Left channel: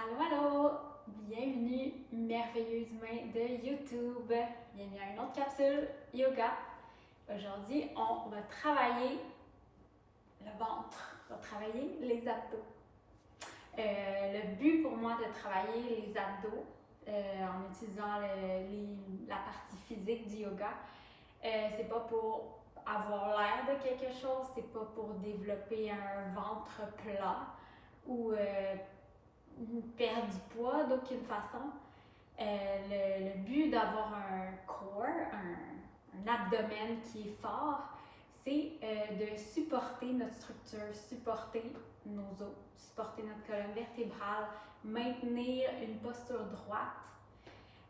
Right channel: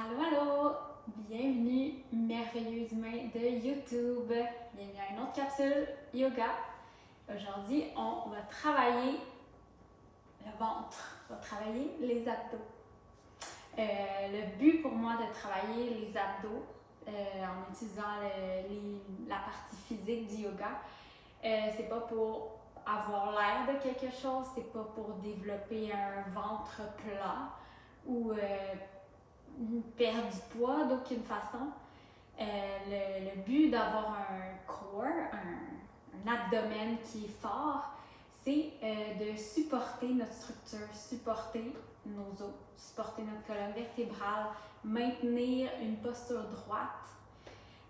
Allô, allô! Bienvenue, merveilleux humain de YouTube! Bienvenue à une autre capsule yoga. Aujourd'hui, on va travailler le ventre, on va travailler les abdos. Le but pour moi de travailler les abdos en utilisant la partie physique du yoga, c'est pas pour avoir l'air de quelque chose, c'est pas pour développer un ventre plat ou perdre du poids d'aucune façon. Le but d'avoir un core, un abdomen qui est fort, c'est de supporter notre structure, supporter nos os, supporter notre colonne vertébrale, maintenir une posture droite,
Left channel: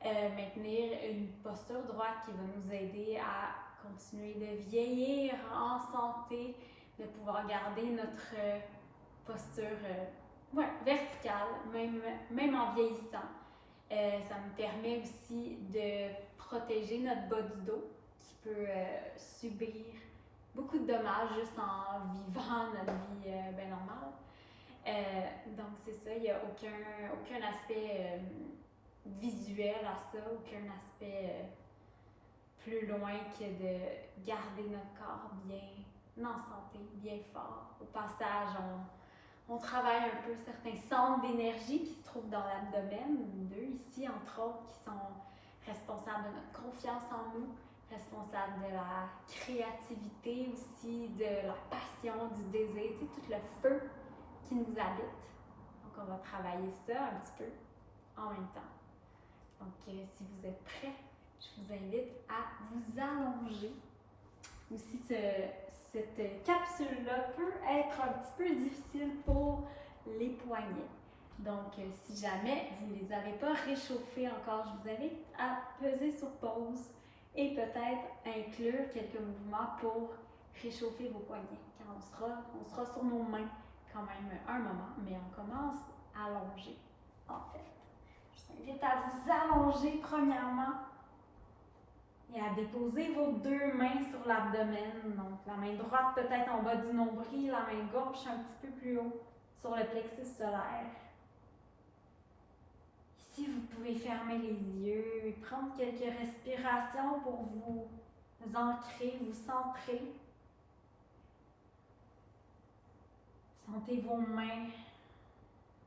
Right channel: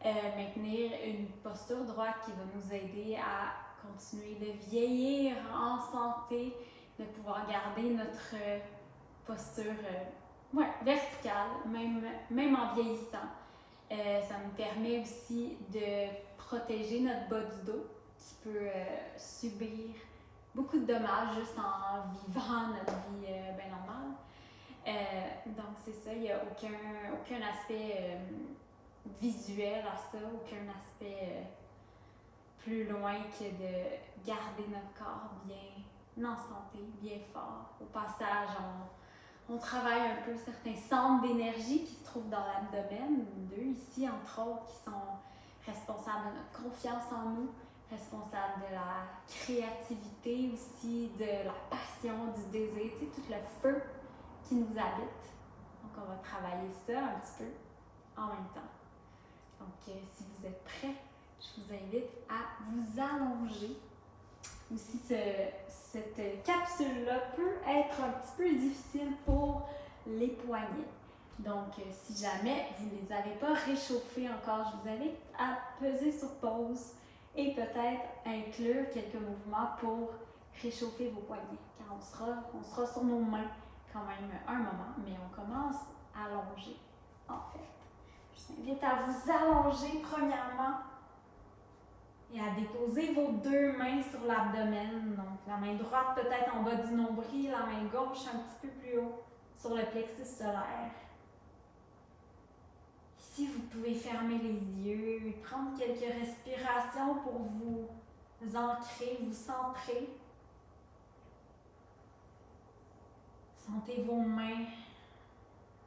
maintenir une posture droite qui va nous aider à continuer de vieillir en santé, de pouvoir garder notre posture verticale, même en vieillissant. Ça me permet aussi de protéger notre bas du dos qui peut subir beaucoup de dommages juste en vivant notre vie bien normale. Donc c'est ça, il n'y a aucun aspect visuel à ça, aucun aspect plus loin que de garder notre corps bien en santé, bien fort. Au passage, on travaille un peu certains centres d'énergie qui se trouvent dans l'abdomen, deux ici entre autres, qui sont responsables de notre confiance en nous, responsables de la créativité aussi, de la passion, du désir, tu sais, tout le feu qui nous habite. Donc on va travailler ça un petit peu en même temps. Donc si vous êtes prêts, je vous invite à vous allonger. Aussi, cette capsule-là peut être un petit peu difficile pour les poignets. Donc, si jamais vous ne les avez pas réchauffés encore, je vous invite à peser sur pause et peut-être inclure quelques mouvements pour réchauffer vos poignets. Car on sera sur nos mains quand même un moment, mais on commence à allonger en fait. Je vous invite à vous allonger premièrement et à déposer vos deux mains sur l'abdomen. Donc, la main droite peut-être en bas du nombril, la main gauche un petit peu plus haut sur le plexus solaire. Ici, vous pouvez fermer les yeux et prendre quelques respirations pour vous ancrer, vous centrer. Sentez vos mains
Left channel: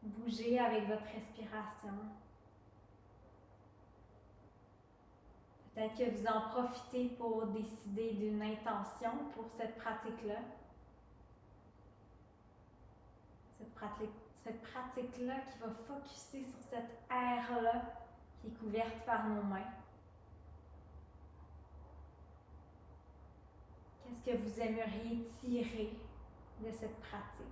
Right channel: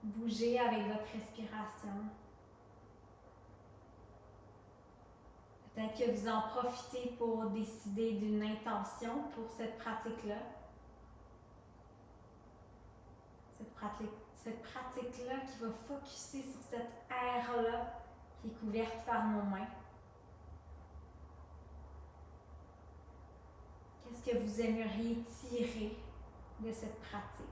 bouger avec votre respiration. Peut-être que vous en profitez pour décider d'une intention pour cette pratique-là. Cette pratique-là qui va focusser sur cette aire-là qui est couverte par nos mains. Qu'est-ce que vous aimeriez tirer de cette pratique?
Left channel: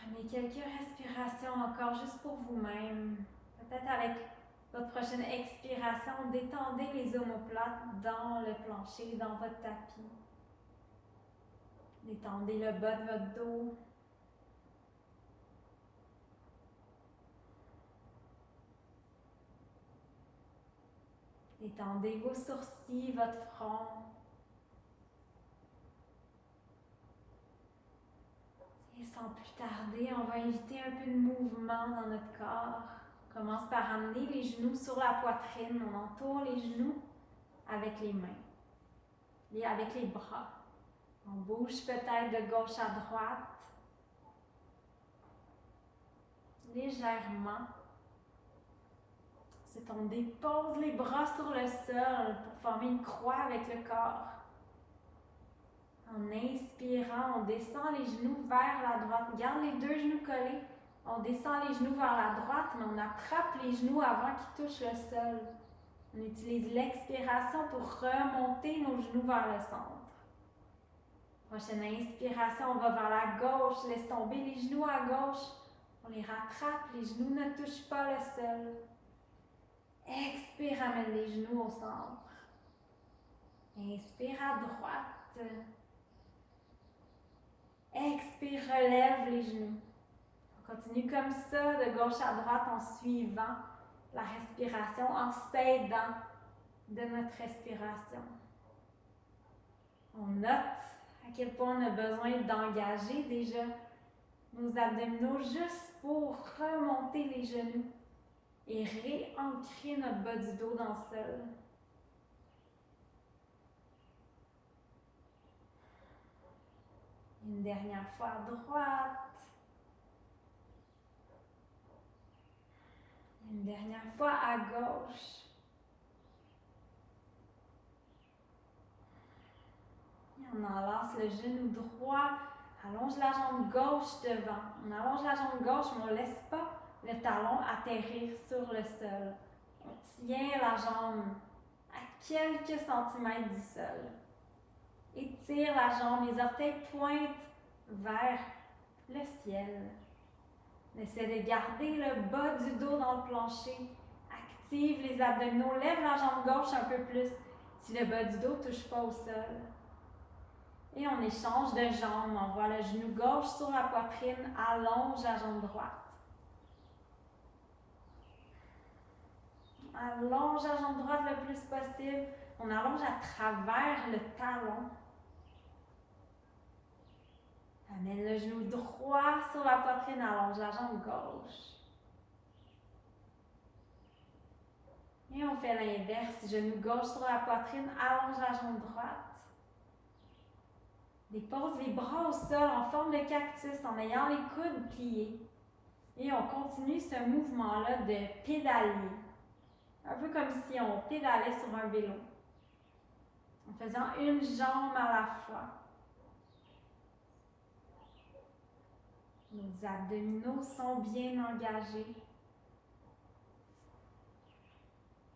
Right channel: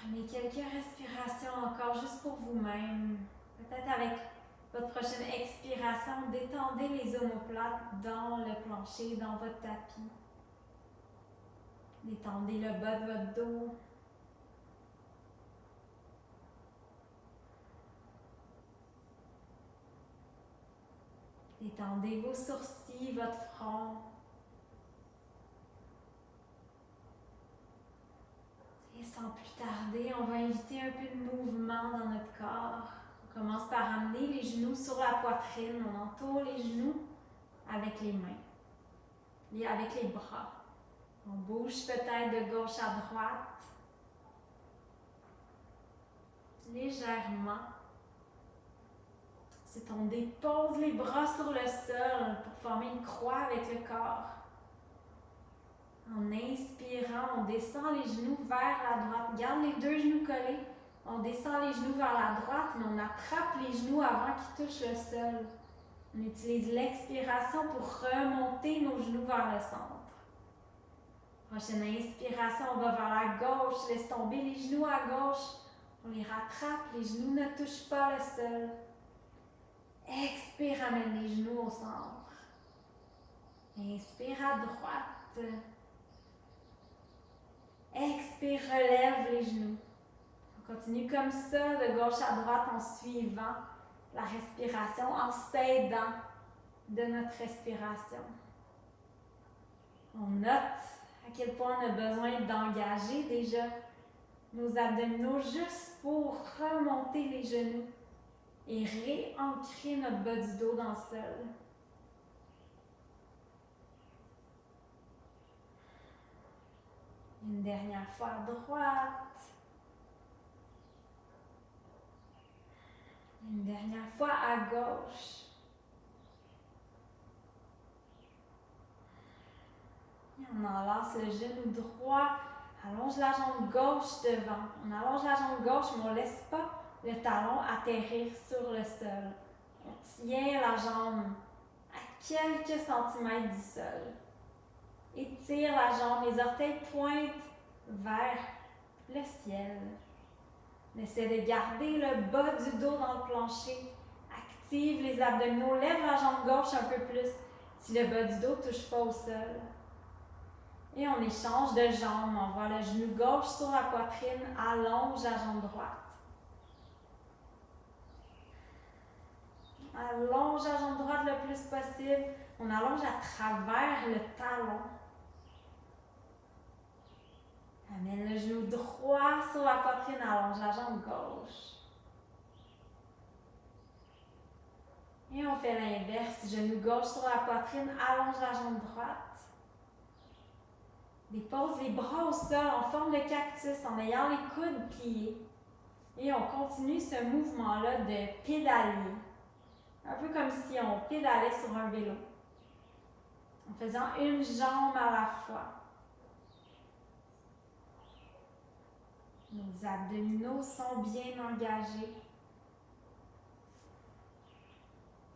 Prenez quelques respirations encore juste pour vous-même. Peut-être avec votre prochaine expiration, détendez les omoplates dans le plancher, dans votre tapis. Détendez le bas de votre dos. Détendez vos sourcils, votre front. Et sans plus tarder, on va inviter un peu de mouvement dans notre corps. On commence par amener les genoux sur la poitrine. On entoure les genoux avec les mains et avec les bras. On bouge peut-être de gauche à droite. Légèrement. Ensuite, on dépose les bras sur le sol pour former une croix avec le corps. En inspirant, on descend les genoux vers la droite. Garde les deux genoux collés. On descend les genoux vers la droite, mais on attrape les genoux avant qu'ils touchent le sol. On utilise l'expiration pour remonter nos genoux vers le centre. Prochaine inspiration, on va vers la gauche. Laisse tomber les genoux à gauche. On les rattrape, les genoux ne touchent pas le sol. Expire, amène les genoux au centre. Inspire à droite. Expire, relève les genoux. On continue comme ça, de gauche à droite, en suivant la respiration, en s'aidant de notre respiration. On note À quel point on a besoin d'engager déjà nos abdominaux juste pour remonter les genoux et réancrer notre bas du dos dans le sol. Une dernière fois à droite. Une dernière fois à gauche. Et on enlace le genou droit. Allonge la jambe gauche devant. On allonge la jambe gauche, mais on ne laisse pas le talon atterrir sur le sol. On tient la jambe à quelques centimètres du sol. Étire la jambe, les orteils pointent vers le ciel. On essaie de garder le bas du dos dans le plancher. Active les abdominaux, lève la jambe gauche un peu plus si le bas du dos ne touche pas au sol. Et on échange de jambes. On voit le genou gauche sur la poitrine, allonge la jambe droite. Allonge la jambe droite le plus possible. On allonge à travers le talon. Amène le genou droit sur la poitrine, allonge la jambe gauche. Et on fait l'inverse, genou gauche sur la poitrine, allonge la jambe droite. Dépose les bras au sol en forme de cactus en ayant les coudes pliés. Et on continue ce mouvement-là de pédaler. Un peu comme si on pédalait sur un vélo. En faisant une jambe à la fois. Nos abdominaux sont bien engagés.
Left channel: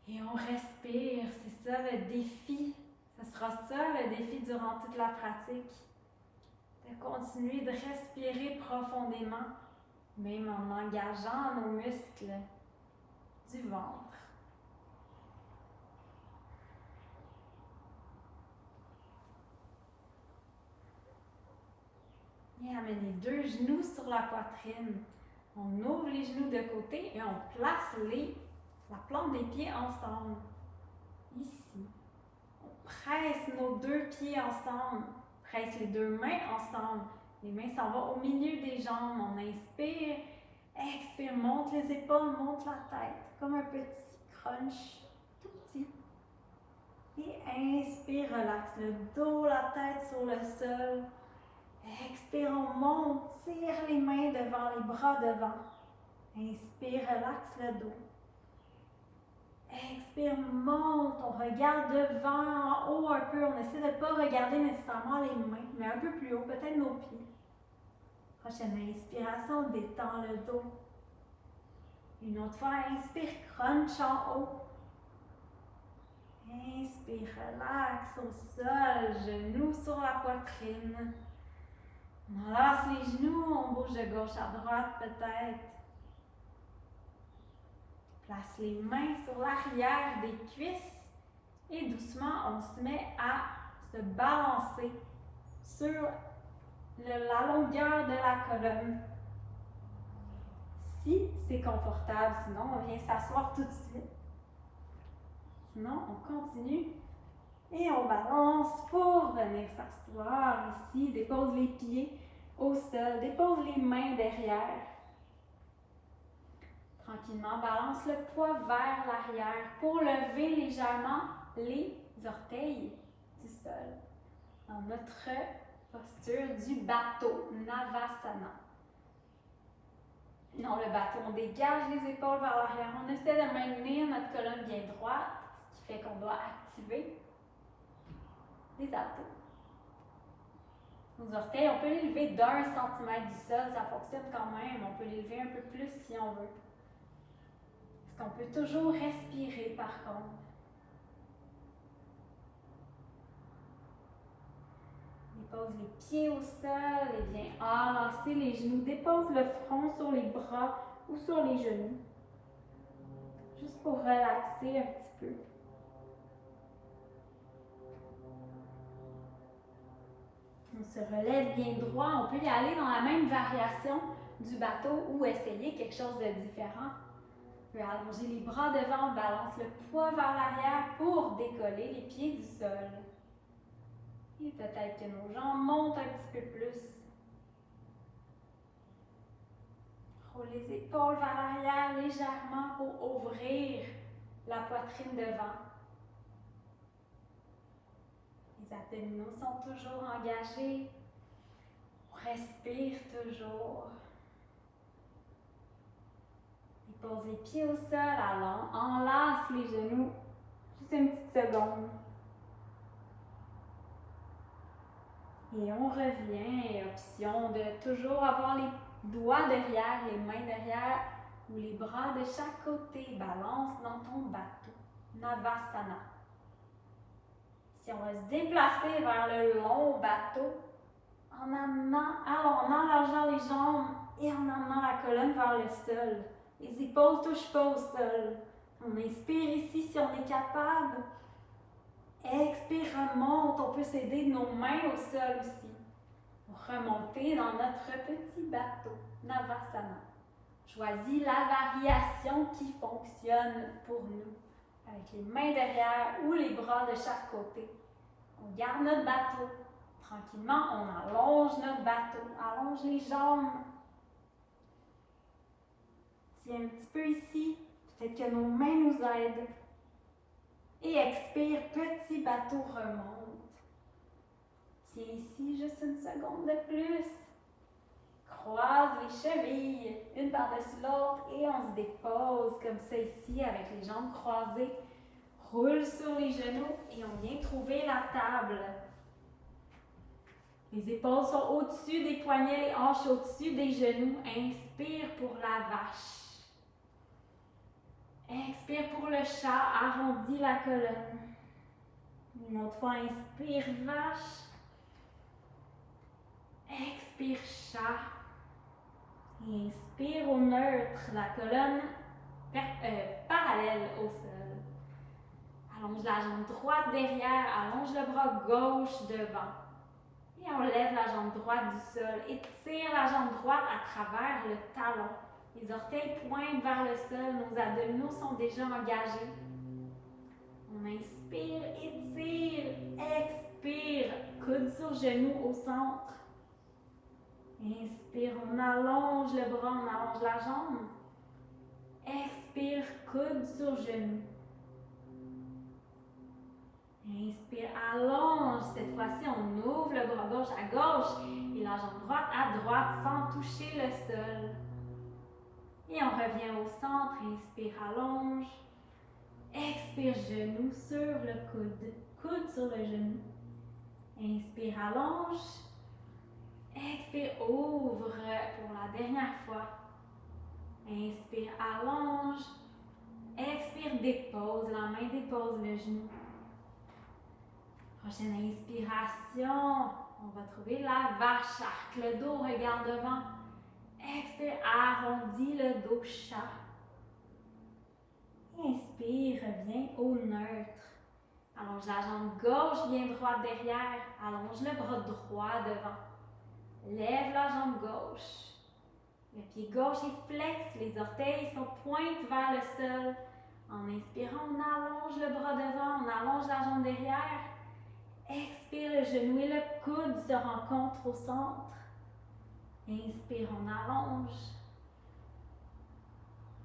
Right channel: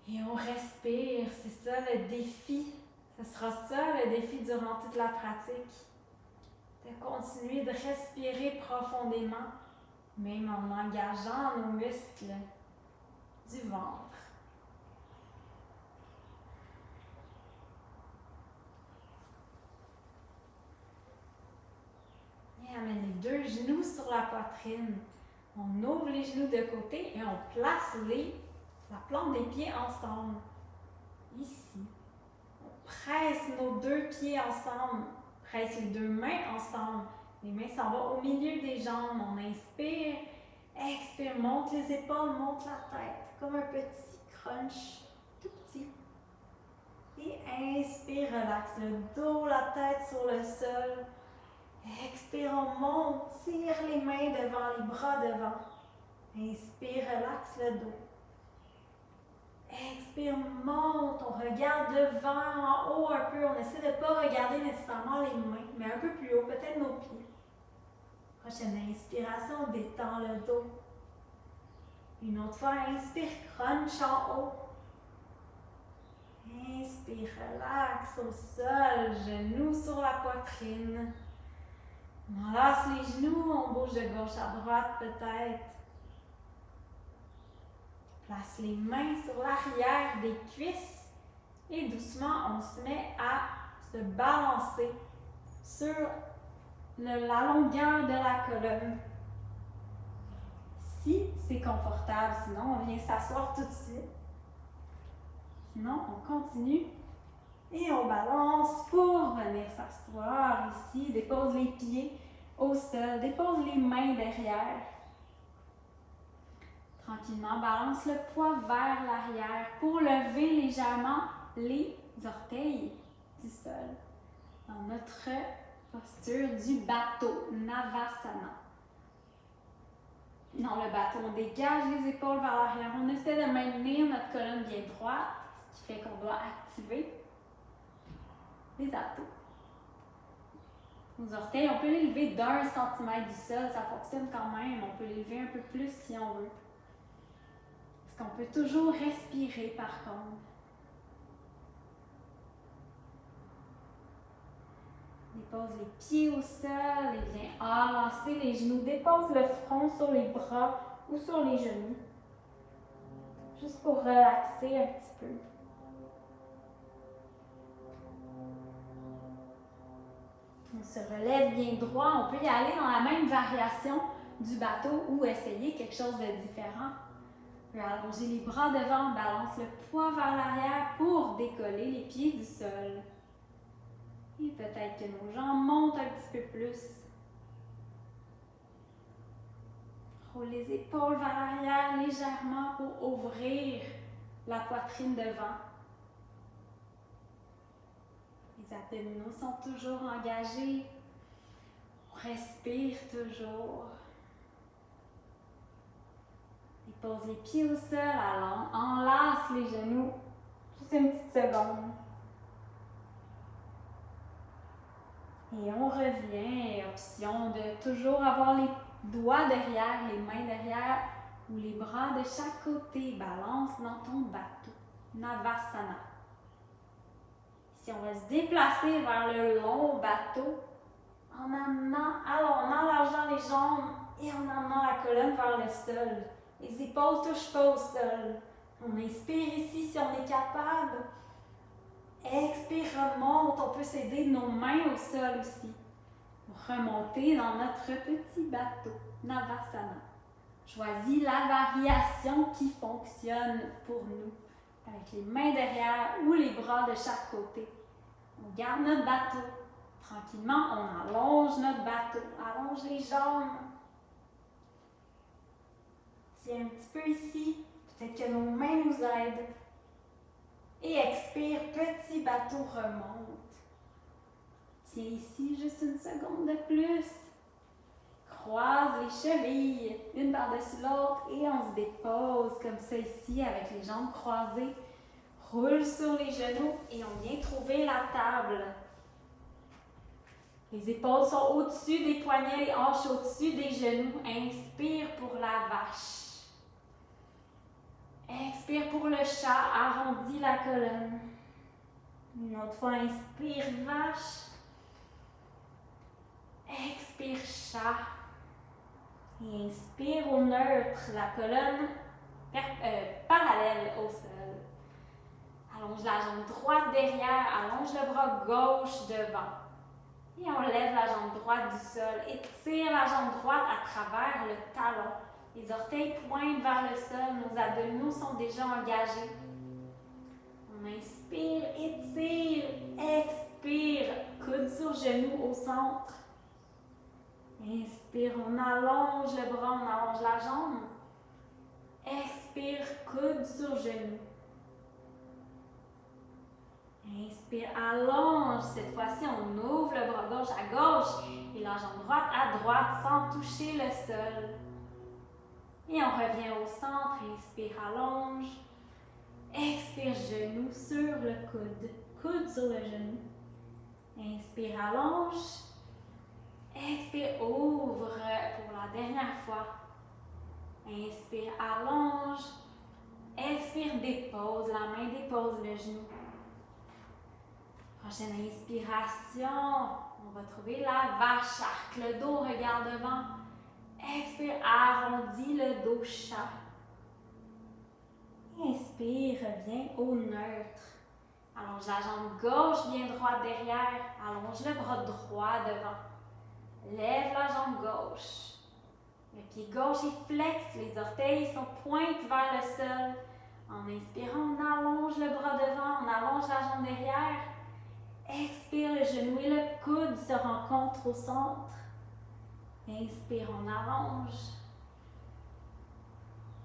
Et on respire, c'est ça le défi. Ce sera ça le défi durant toute la pratique. De continuer de respirer profondément, même en engageant nos muscles du ventre. Et amène les deux genoux sur la poitrine. On ouvre les genoux de côté et on place la plante des pieds ensemble. Ici. On presse nos deux pieds ensemble. Presse les deux mains ensemble. Les mains s'en vont au milieu des jambes. On inspire, expire, monte les épaules, monte la tête. Comme un petit crunch, tout petit. Et inspire, relaxe le dos, la tête sur le sol. Expire, on monte, tire les mains devant, les bras devant. Inspire, relaxe le dos. Expire, monte, on regarde devant, en haut un peu. On essaie de ne pas regarder nécessairement les mains, mais un peu plus haut, peut-être nos pieds. Prochaine inspiration, on détend le dos. Une autre fois, inspire, crunch en haut. Inspire, relaxe au sol, genoux sur la poitrine. On enlace les genoux, on bouge de gauche à droite peut-être. Place les mains sur l'arrière des cuisses et doucement on se met à se balancer sur la longueur de la colonne. Si c'est confortable, sinon on vient s'asseoir tout de suite. Sinon on continue et on balance pour venir s'asseoir ici. Dépose les pieds au sol, dépose les mains derrière. Tranquillement, balance le poids vers l'arrière pour lever légèrement les orteils du sol. Dans notre posture du bateau, Navasana. Dans le bateau, on dégage les épaules vers l'arrière. On essaie de maintenir notre colonne bien droite, ce qui fait qu'on doit activer les abdos. Nos orteils, on peut les lever d'1 centimètre du sol, ça fonctionne quand même. On peut les lever un peu plus si on veut. Parce qu'on peut toujours respirer par contre. Dépose les pieds au sol et viens enlacer les genoux. Dépose le front sur les bras ou sur les genoux. Juste pour relaxer un petit peu. On se relève bien droit. On peut y aller dans la même variation du bateau ou essayer quelque chose de différent. On peut allonger les bras devant, on balance le poids vers l'arrière pour décoller les pieds du sol. Et Peut-être que nos jambes montent un petit peu plus. Roule les épaules vers l'arrière légèrement pour ouvrir la poitrine devant. Les abdominaux sont toujours engagés. On respire toujours. Et pose les pieds au sol, enlace les genoux. Juste une petite seconde. Et on revient, option de toujours avoir les doigts derrière, les mains derrière ou les bras de chaque côté. Balance dans ton bateau. Navasana. Si on va se déplacer vers le long bateau, en enlargeant les jambes et en amenant la colonne vers le sol. Les épaules ne touchent pas au sol. On inspire ici si on est capable. Expire, remonte. On peut s'aider de nos mains au sol aussi. Pour remonter dans notre petit bateau. Navasana. Choisis la variation qui fonctionne pour nous. Avec les mains derrière ou les bras de chaque côté. On garde notre bateau. Tranquillement, on allonge notre bateau. Allonge les jambes. Tiens un petit peu ici. Peut-être que nos mains nous aident. Et expire, petit bateau remonte. Tiens ici, juste une seconde de plus. Croise les chevilles, une par-dessus l'autre, et on se dépose comme ça ici, avec les jambes croisées. Roule sur les genoux et on vient trouver la table. Les épaules sont au-dessus des poignets, les hanches au-dessus des genoux. Inspire pour la vache. Expire pour le chat, arrondis la colonne. Une autre fois, inspire, vache. Expire, chat. Et inspire au neutre, la colonne parallèle au sol. Allonge la jambe droite derrière, allonge le bras gauche devant. Et on lève la jambe droite du sol. Étire la jambe droite à travers le talon. Les orteils pointent vers le sol, nos abdominaux sont déjà engagés. On inspire, étire, expire, coude sur genou au centre. Inspire, on allonge le bras, on allonge la jambe. Expire, coude sur genou. Inspire, allonge. Cette fois-ci, on ouvre le bras gauche à gauche et la jambe droite à droite sans toucher le sol. Et on revient au centre. Inspire, allonge. Expire, genou sur le coude. Coude sur le genou. Inspire, allonge. Expire, ouvre pour la dernière fois. Inspire, allonge. Expire, dépose la main, dépose le genou. Prochaine inspiration, on va trouver la vache, arque le dos, regarde devant. Expire, arrondis le dos, chat. Inspire, reviens au neutre. Allonge la jambe gauche, bien droite derrière. Allonge le bras droit devant. Lève la jambe gauche. Le pied gauche est flex, les orteils sont pointés vers le sol. En inspirant, on allonge le bras devant, on allonge la jambe derrière. Expire, le genou et le coude se rencontrent au centre. Inspire, on allonge.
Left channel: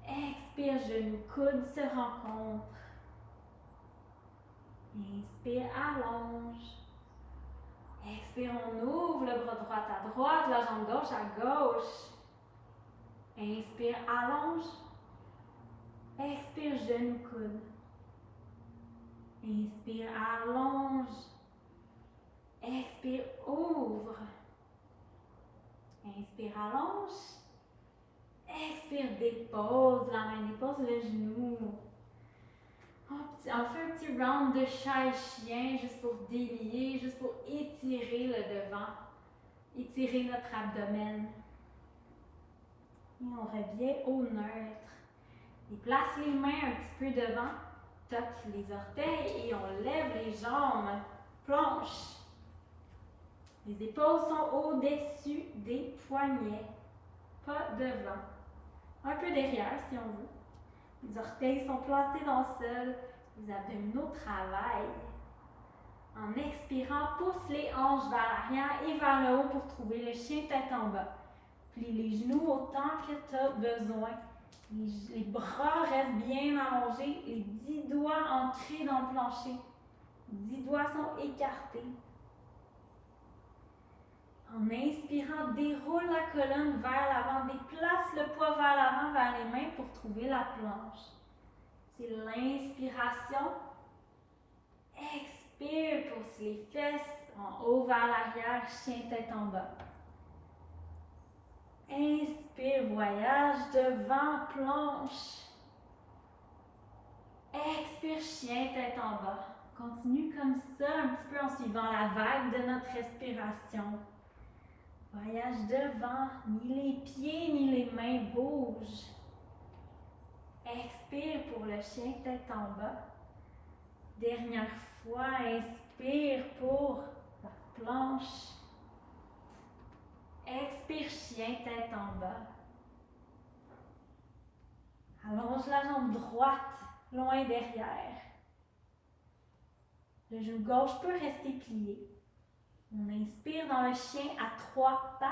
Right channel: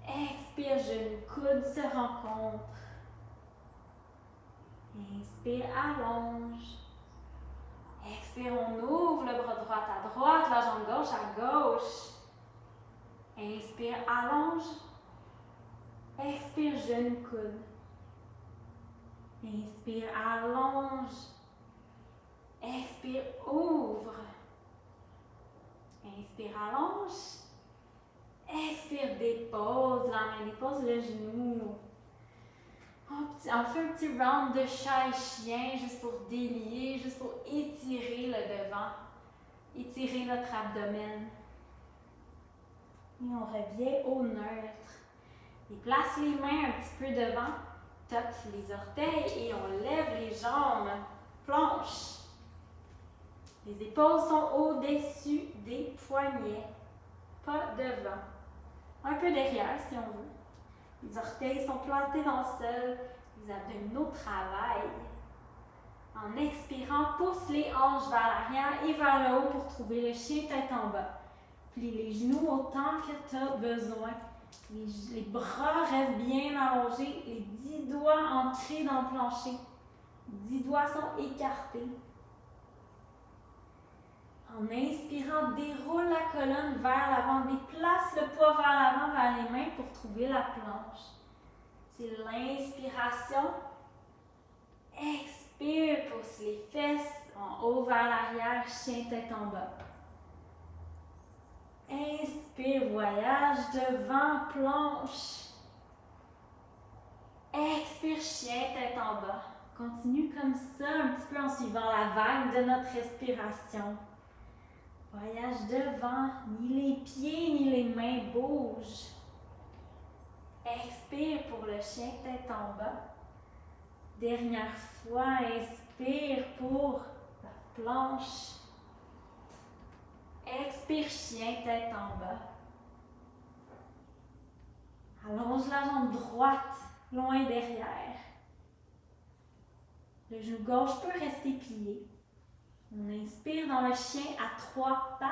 Expire, genou, coude se rencontrent. Inspire, allonge. Expire, on ouvre le bras droit à droite, la jambe gauche à gauche. Inspire, allonge. Expire, genou, coude. Inspire, allonge. Expire, ouvre. Inspire, allonge. Expire, dépose la main, dépose le genou. On fait un petit round de chat et chien juste pour délier, juste pour étirer le devant, étirer notre abdomen. Et on revient au neutre. Et place les mains un petit peu devant, toque les orteils et on lève les jambes, planche. Les épaules sont au-dessus des poignets, pas devant. Un peu derrière si on veut. Les orteils sont plantés dans le sol, les abdominaux travaillent. En expirant, pousse les hanches vers l'arrière et vers le haut pour trouver le chien tête en bas. Plie les genoux autant que tu as besoin. Les bras restent bien allongés, les 10 doigts ancrés dans le plancher. 10 doigts sont écartés. En inspirant, déroule la colonne vers l'avant, déplace le poids vers l'avant, vers les mains pour trouver la planche. C'est l'inspiration. Expire, pousse les fesses en haut vers l'arrière, chien tête en bas. Inspire, voyage devant, planche. Expire, chien tête en bas. Continue comme ça, un petit peu en suivant la vague de notre respiration. Voyage devant, ni les pieds ni les mains bougent. Expire pour le chien tête en bas. Dernière fois, inspire pour la planche. Expire, chien tête en bas. Allonge la jambe droite, loin derrière. Le genou gauche peut rester plié. On inspire dans le chien à 3 pattes.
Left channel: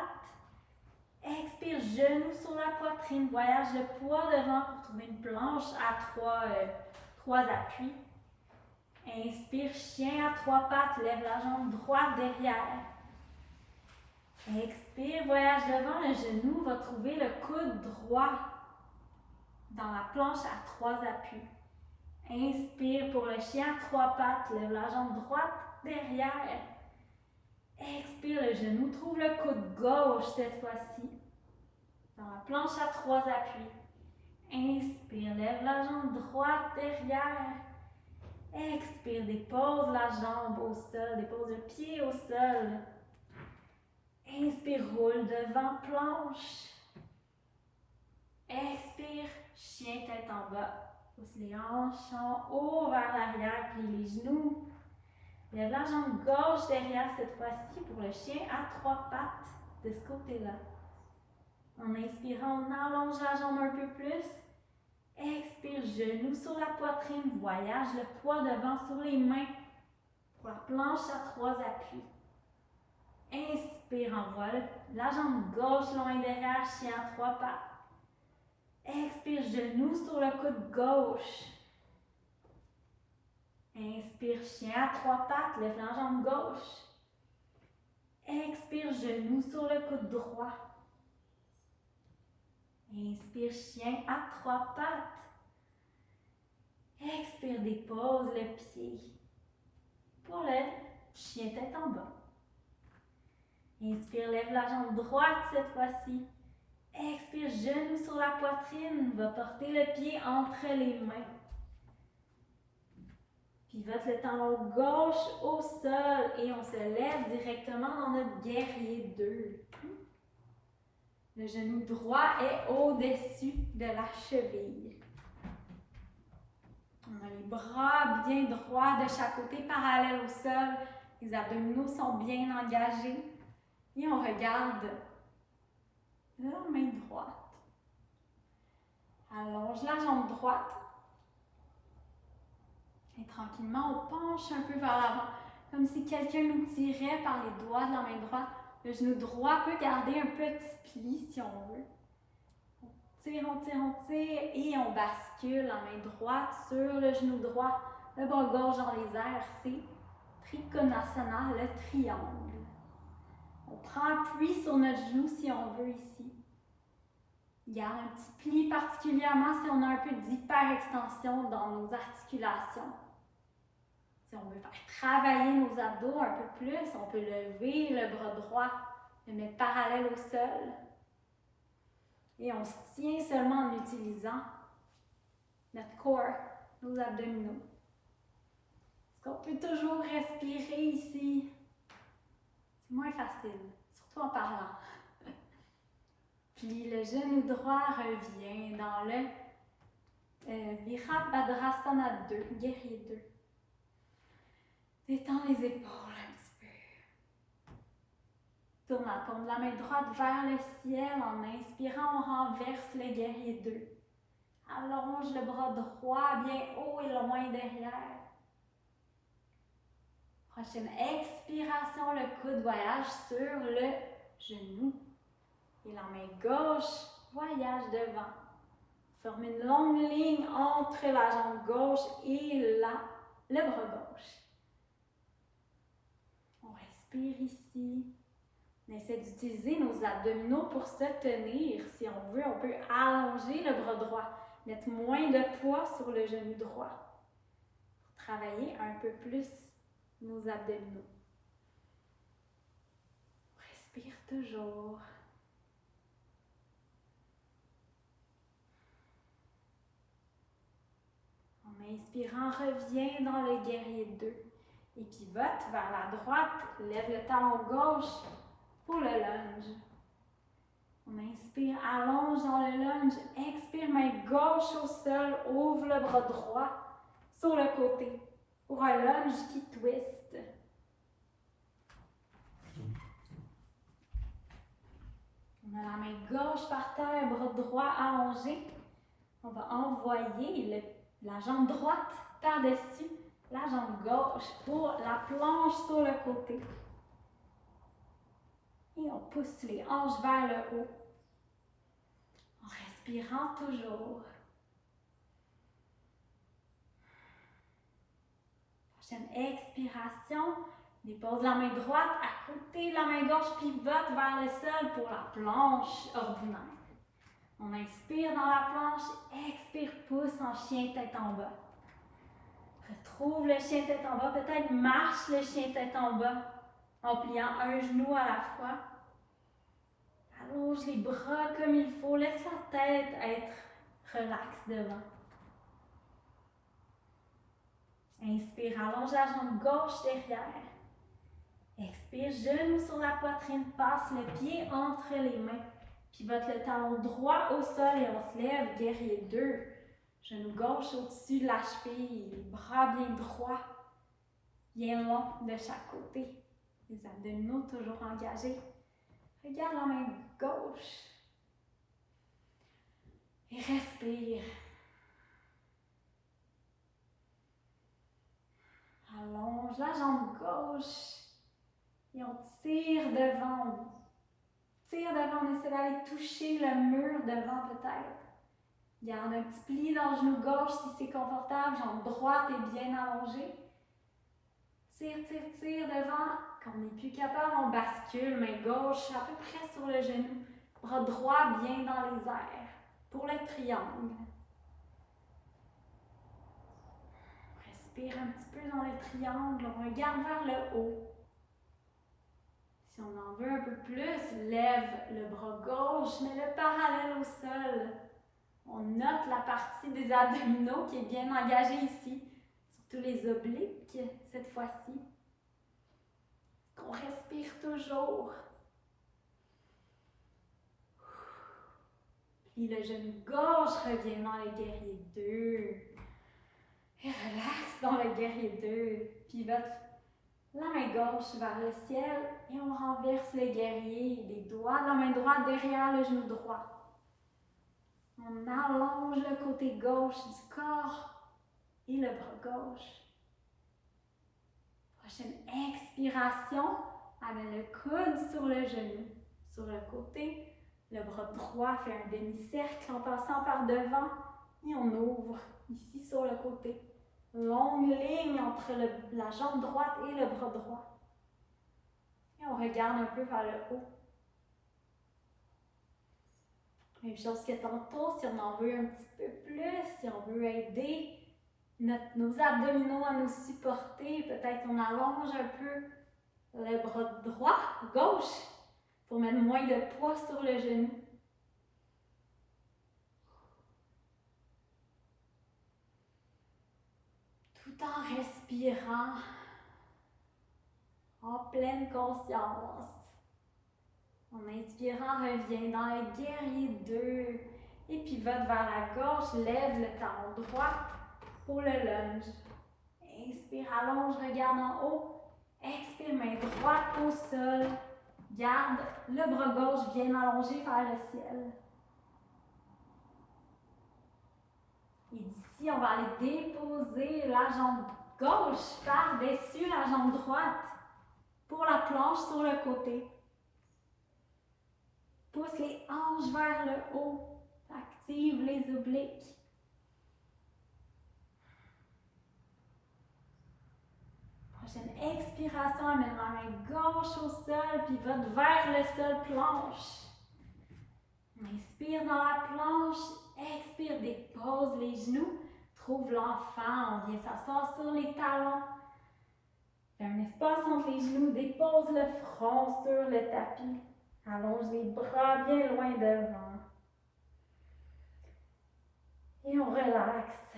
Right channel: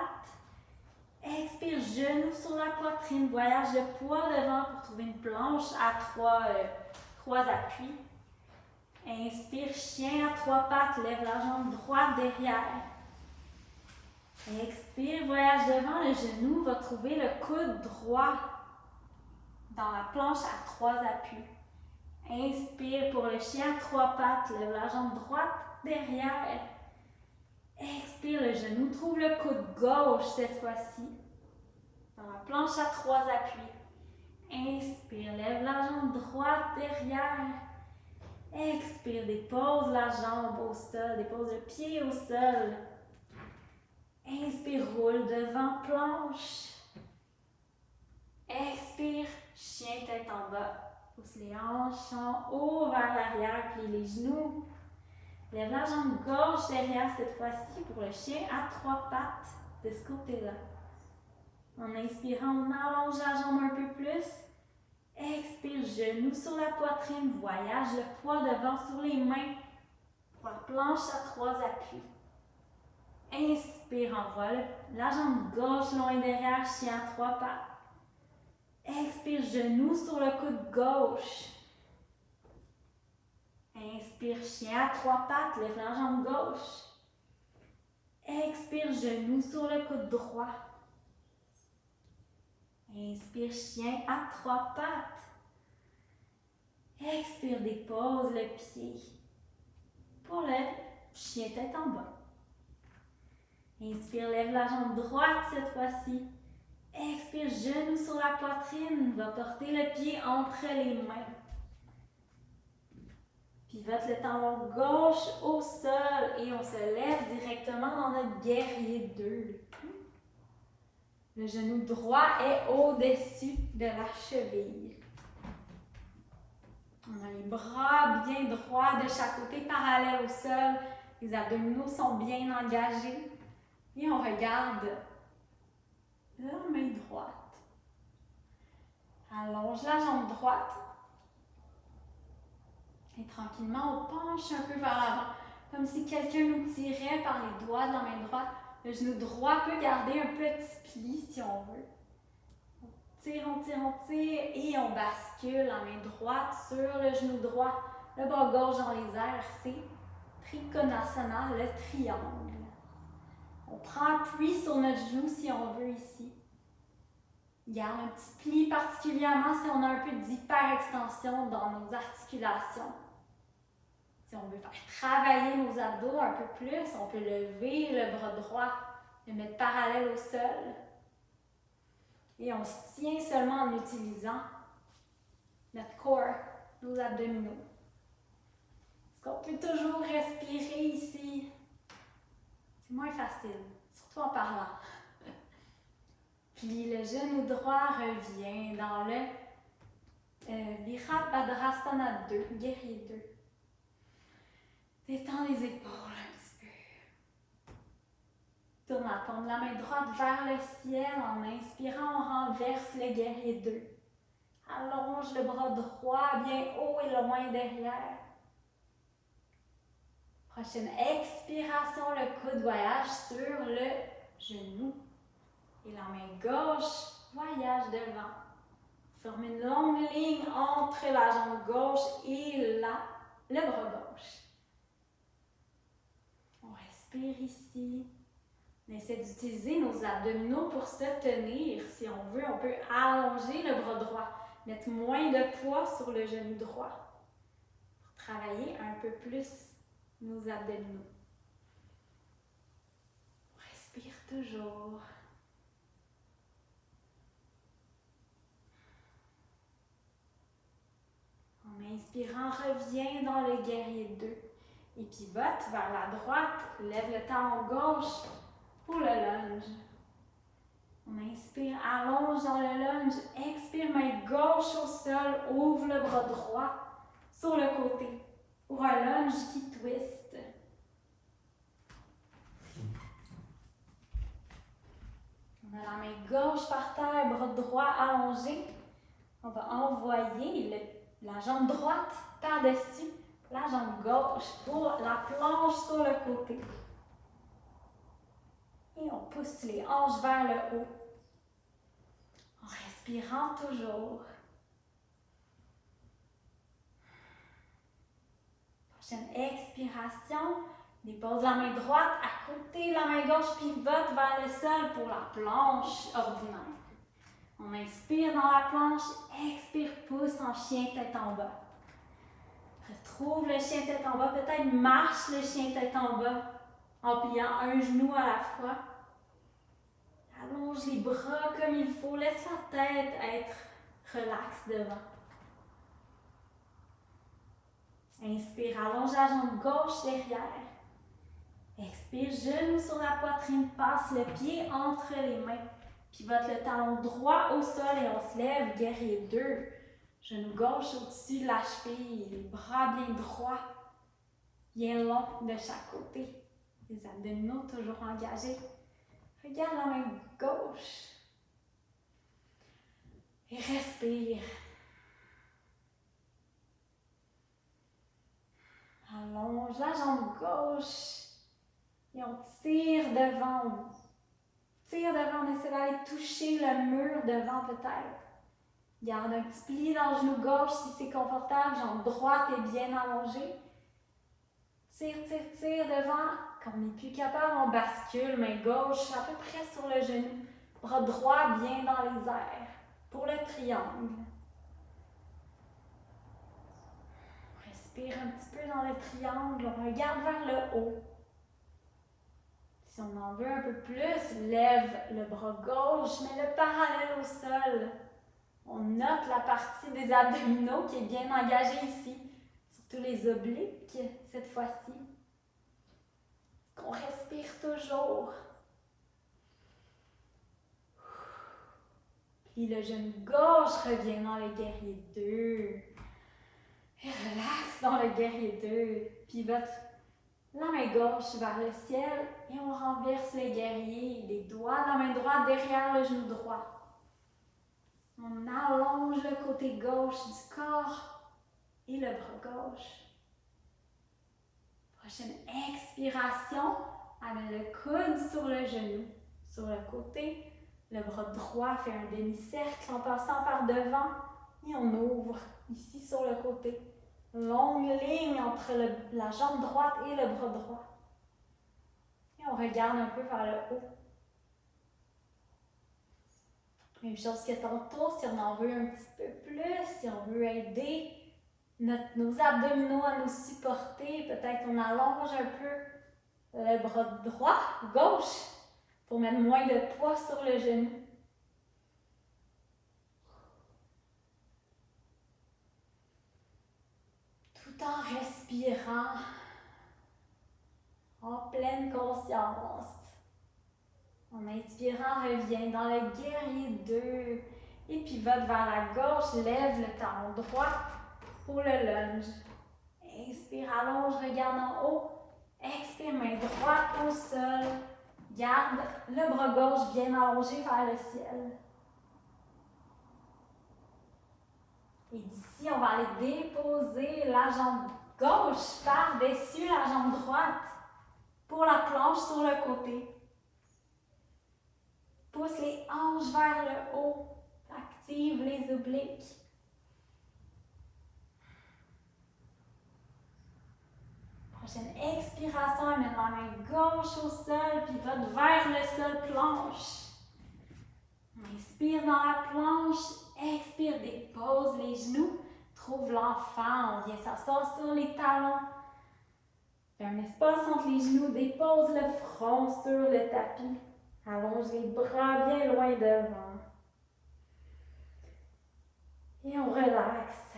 Expire, genou sur la poitrine, voyage de poids devant pour trouver une planche à 3 appuis. Inspire, chien à 3 pattes, lève la jambe droite derrière. Expire, voyage devant, le genou va trouver le coude droit dans la planche à 3 appuis. Inspire pour le chien à 3 pattes, lève la jambe droite derrière. Expire, le genou trouve le coude gauche cette fois-ci dans la planche à 3 appuis. Inspire, lève la jambe droite derrière. Expire, dépose la jambe au sol, dépose le pied au sol. Inspire, roule devant, planche. Expire, chien tête en bas. Pousse les hanches en haut vers l'arrière, plie les genoux. Lève la jambe gauche derrière cette fois-ci pour le chien à 3 pattes de ce côté-là. En inspirant, on allonge la jambe un peu plus. Expire, genou sur la poitrine, voyage le poids devant sur les mains pour la planche à 3 appuis. Inspire, envoie la jambe gauche loin derrière, chien à 3 pattes. Expire, genou sur le coude gauche. Inspire, chien à 3 pattes, lève la jambe gauche. Expire, genou sur le coude droit. Inspire, chien à 3 pattes. Expire, dépose le pied pour le chien tête en bas. Inspire, lève la jambe droite cette fois-ci. Expire, genou sur la poitrine, va porter le pied entre les mains. Pivote le talon gauche au sol et on se lève directement dans notre guerrier 2. Le genou droit est au-dessus de la cheville. On a les bras bien droits de chaque côté, parallèles au sol. Les abdominaux sont bien engagés. Et on regarde la main droite. Allonge la jambe droite. Et tranquillement, on penche un peu vers l'avant, comme si quelqu'un nous tirait par les doigts de la main droite. Le genou droit peut garder un petit pli si on veut. On tire, on tire, on tire et on bascule la main droite sur le genou droit. Le bras gauche dans les airs, c'est Trikonasana, le triangle. On prend appui sur notre genou si on veut ici. Garde un petit pli particulièrement si on a un peu d'hyperextension dans nos articulations. Si on veut faire travailler nos abdos un peu plus, on peut lever le bras droit, le mettre parallèle au sol. Et on se tient seulement en utilisant notre corps, nos abdominaux. Est-ce qu'on peut toujours respirer ici? C'est moins facile, surtout en parlant. Puis le genou droit revient dans le Virabhadrasana 2, guerrier 2. Détends les épaules un petit peu. Tourne la paume de la main droite vers le ciel. En inspirant, on renverse le guerrier 2. Allonge le bras droit bien haut et loin derrière. Prochaine expiration, le coude voyage sur le genou. Et la main gauche voyage devant. Forme une longue ligne entre la jambe gauche et le bras gauche. On respire ici. On essaie d'utiliser nos abdominaux pour se tenir. Si on veut, on peut allonger le bras droit. Mettre moins de poids sur le genou droit. Pour travailler un peu plus nos abdominaux. On respire toujours. En inspirant, reviens dans le guerrier 2. Et pivote vers la droite, lève le talon gauche pour le lunge. On inspire, allonge dans le lunge, expire, main gauche au sol, ouvre le bras droit sur le côté pour un lunge qui twist. On a la main gauche par terre, bras droit allongé. On va envoyer la jambe droite par-dessus la jambe gauche pour la planche sur le côté. Et on pousse les hanches vers le haut. En respirant toujours. Prochaine expiration. Dépose la main droite à côté, la main gauche pivote vers le sol pour la planche ordinaire. On inspire dans la planche, expire, pousse en chien tête en bas. Retrouve le chien tête en bas, peut-être marche le chien tête en bas en pliant un genou à la fois. Allonge les bras comme il faut, laisse la tête être relaxe devant. Inspire, allonge la jambe gauche derrière. Expire, genou sur la poitrine, passe le pied entre les mains. Pivote le talon droit au sol et on se lève, guerrier 2. Genou gauche au-dessus de la cheville, les bras bien droits, bien longs de chaque côté. Les abdominaux toujours engagés. Regarde la main gauche. Et respire. Allonge la jambe gauche. Et on tire devant. Tire devant, on essaie d'aller toucher le mur devant peut-être. Garde un petit pli dans le genou gauche si c'est confortable. Jambe droite est bien allongée. Tire, tire, tire devant. Quand on n'est plus capable, on bascule. Main gauche à peu près sur le genou. Bras droit bien dans les airs. Pour le triangle. Respire un petit peu dans le triangle. On regarde vers le haut. Si on en veut un peu plus, lève le bras gauche, mets-le parallèle au sol. On note la partie des abdominaux qui est bien engagée ici, surtout les obliques cette fois-ci. On respire toujours. Puis le genou gauche revient dans le guerrier 2. Et relaxe dans le guerrier 2. Pivote la main gauche vers le ciel et on renverse le guerrier. Les doigts de la main droite derrière le genou droit. On allonge le côté gauche du corps et le bras gauche. Prochaine expiration, amène le coude sur le genou, sur le côté. Le bras droit fait un demi-cercle en passant par devant et on ouvre ici sur le côté. Longue ligne entre la jambe droite et le bras droit. Et on regarde un peu vers le haut. Même chose que tantôt, si on en veut un petit peu plus, si on veut aider nos abdominaux à nous supporter, peut-être on allonge un peu le bras droit, gauche, pour mettre moins de poids sur le genou. Tout en respirant, en pleine conscience. En inspirant, reviens dans le guerrier 2 et pivote vers la gauche, lève le talon droit pour le lunge. Inspire, allonge, regarde en haut. Expire, main droite au sol. Garde le bras gauche bien allongé vers le ciel. Et d'ici, on va aller déposer la jambe gauche par-dessus la jambe droite pour la planche sur le côté. Pousse les hanches vers le haut. Active les obliques. Prochaine expiration, amène la main gauche au sol, puis vote vers le sol, planche. Inspire dans la planche, expire, dépose les genoux, trouve l'enfant, on vient s'asseoir sur les talons. Fais un espace entre les genoux, dépose le front sur le tapis. Allonge les bras bien loin devant. Et on relaxe.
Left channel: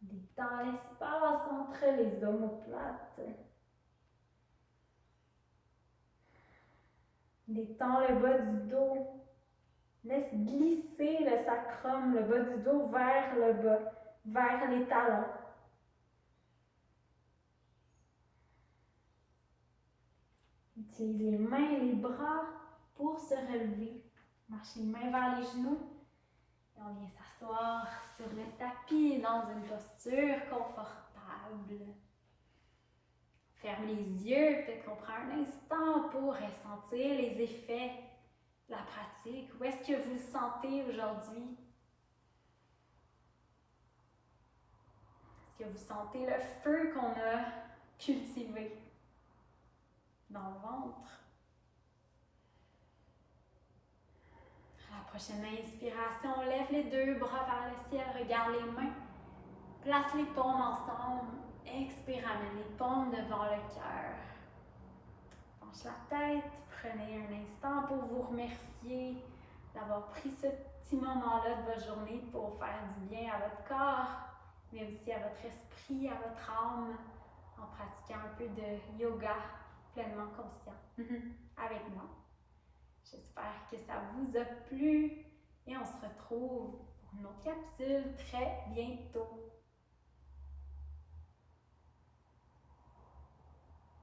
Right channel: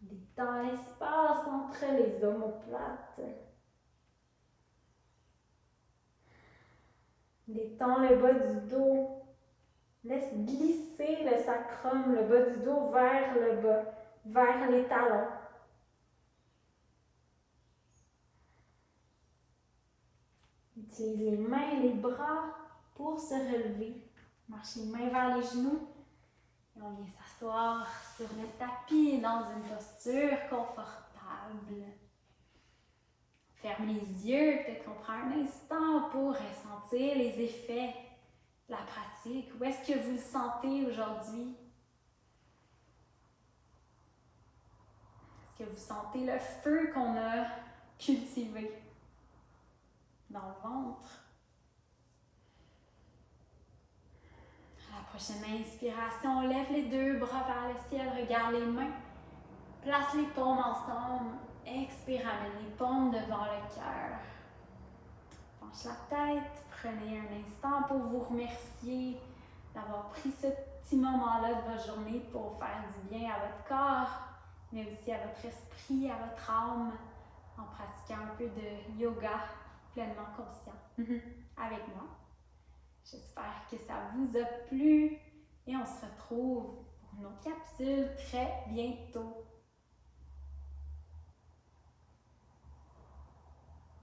Détends l'espace entre les omoplates. Détends le bas du dos. Laisse glisser le sacrum, le bas du dos vers le bas, vers les talons. Utilise les mains et les bras pour se relever. Marche les mains vers les genoux. Et on vient s'asseoir sur le tapis dans une posture confortable. Ferme les yeux, peut-être qu'on prend un instant pour ressentir les effets de la pratique. Où est-ce que vous le sentez aujourd'hui? Est-ce que vous sentez le feu qu'on a cultivé dans le ventre? À la prochaine inspiration, lève les deux bras vers le ciel, regarde les mains, place les paumes ensemble, expire, amène les paumes devant le cœur. Penche la tête, prenez un instant pour vous remercier d'avoir pris ce petit moment-là de votre journée pour faire du bien à votre corps, mais aussi à votre esprit, à votre âme, en pratiquant un peu de yoga pleinement conscient avec moi. J'espère que ça vous a plu et on se retrouve pour une autre capsule très bientôt.